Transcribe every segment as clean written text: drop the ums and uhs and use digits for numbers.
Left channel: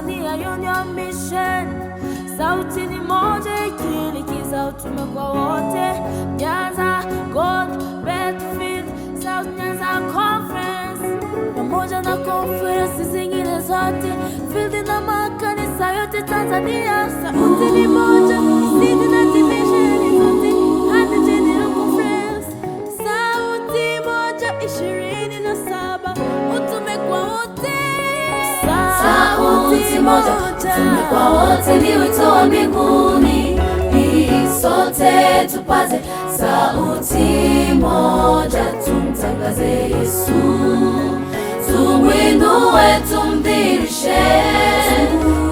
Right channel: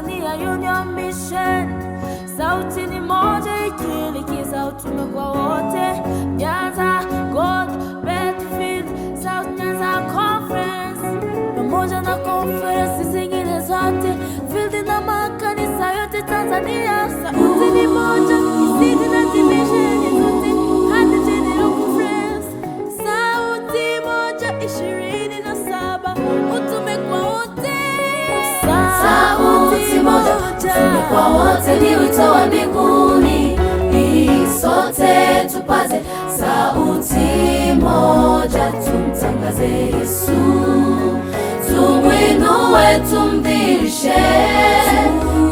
Tanzania Union Mission. Sauti ni moja ikilikiza utume kwa wote. Nyanza, Gold, Bedfield, South Nyanza Conference, pamoja na conference zingine zote, field na makanisa yote Tanzania. Sauti ni moja, isidi na division zote hadi General Conference. Sauti moja 27, utume kwa wote. Sauti moja kwa wote ni wito wa mbinguni, sote tupaze sauti moja, tumtangaze Yesu, tumwinue, tumpishe,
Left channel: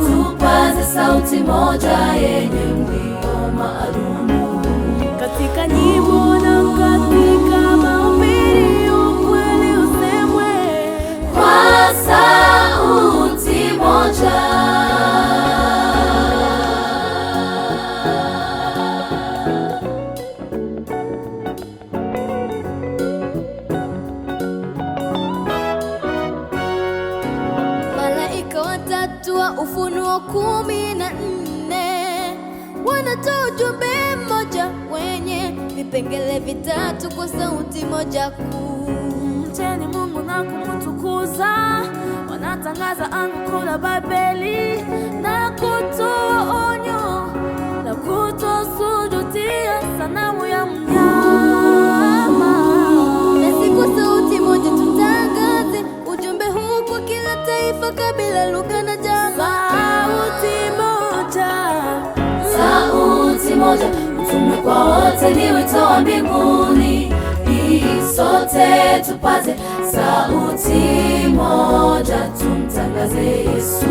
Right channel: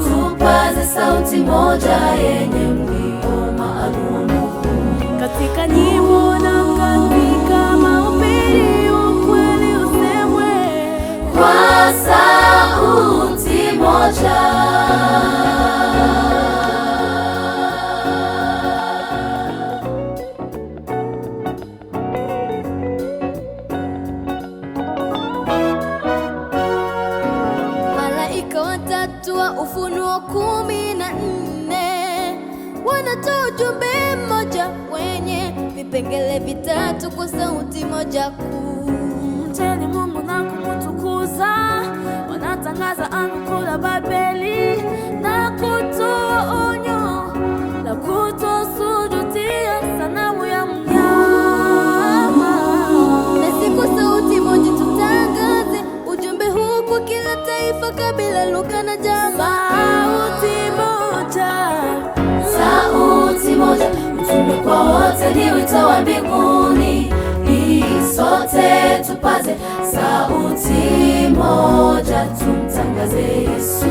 tupaze sauti moja yenye mlio maalum. Katika nyimbo na katika mahubiri, ukweli usemwe kwa sauti moja. Malaika watatu wa Ufunuo 14 wanatoa ujumbe mmoja wenye vipengele vitatu kwa sauti moja kuu. Mcheni Mungu na kumtukuza, wanatangaza anguko la Babeli na kutoa onyo la kutosujudia sanamu ya mnyama. Na siku sauti moja tutangaze ujumbe huu kwa kila taifa, kabila, lugha na jamaa. Sauti moja, sauti moja, utume kwa wote ni wito wa mbinguni, sote tupaze sauti moja, tumtangaze Yesu,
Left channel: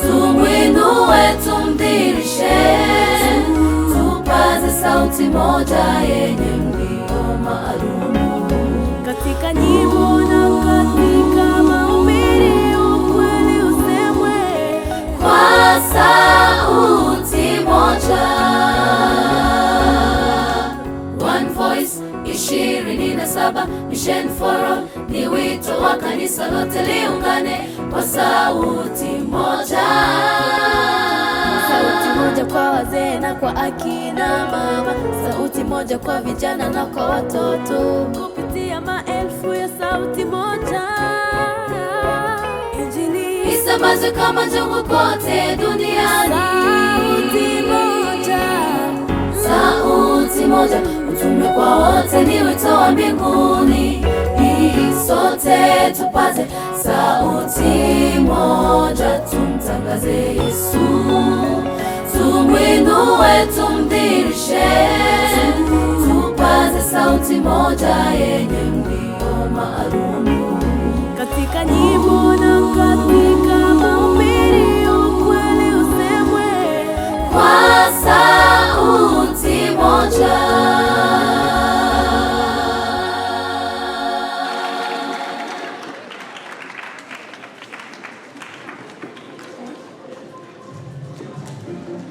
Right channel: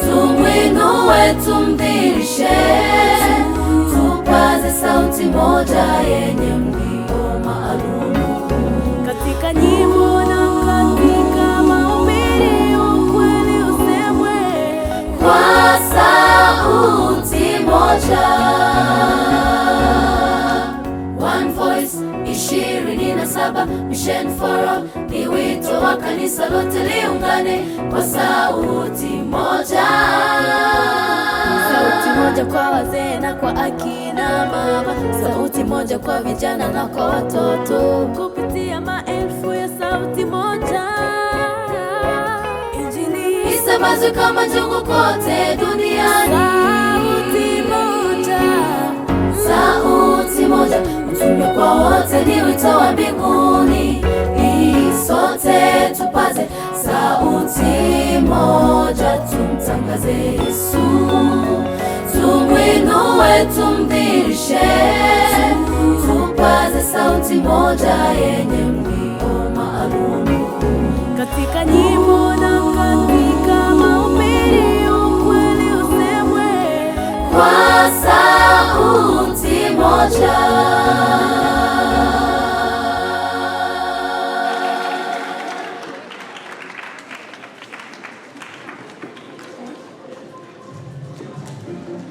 tumwinue, tumpishe, tupaze sauti moja yenye mlio maalum. katika nyimbo na katika mahubiri, ukweli usemwe kwa sauti moja. One Voice 27 Mission Forum ni wito wa kanisa lote liungane kwa sauti moja. sauti moja kwa wazee na kwa akina mama, sauti moja kwa vijana na kwa watoto, kupitia maelfu ya sauti moja. Injili Isambazwe kama jungu kote duniani. sauti moja, Sauti moja, utume kwa wote ni wito wa mbinguni, sote tupaze